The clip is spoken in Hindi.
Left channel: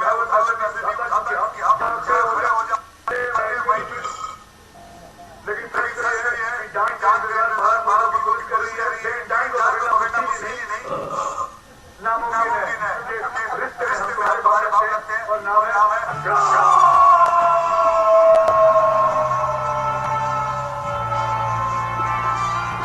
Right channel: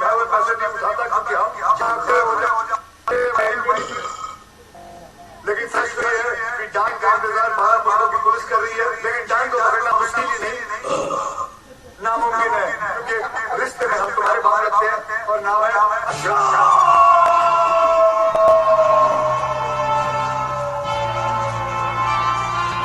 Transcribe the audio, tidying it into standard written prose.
मैं उठा पैसे नहीं उठाता क्योंकि आप खड़े हो जाते। लेकिन सही ये है कि जान के इंतजार 12 की कोशिश कर रही है, लेकिन जान को पकड़ना मुश्किल नहीं नामुमकिन है। रिश्ते में हम तुम्हारे बाप लगते हैं और नाम है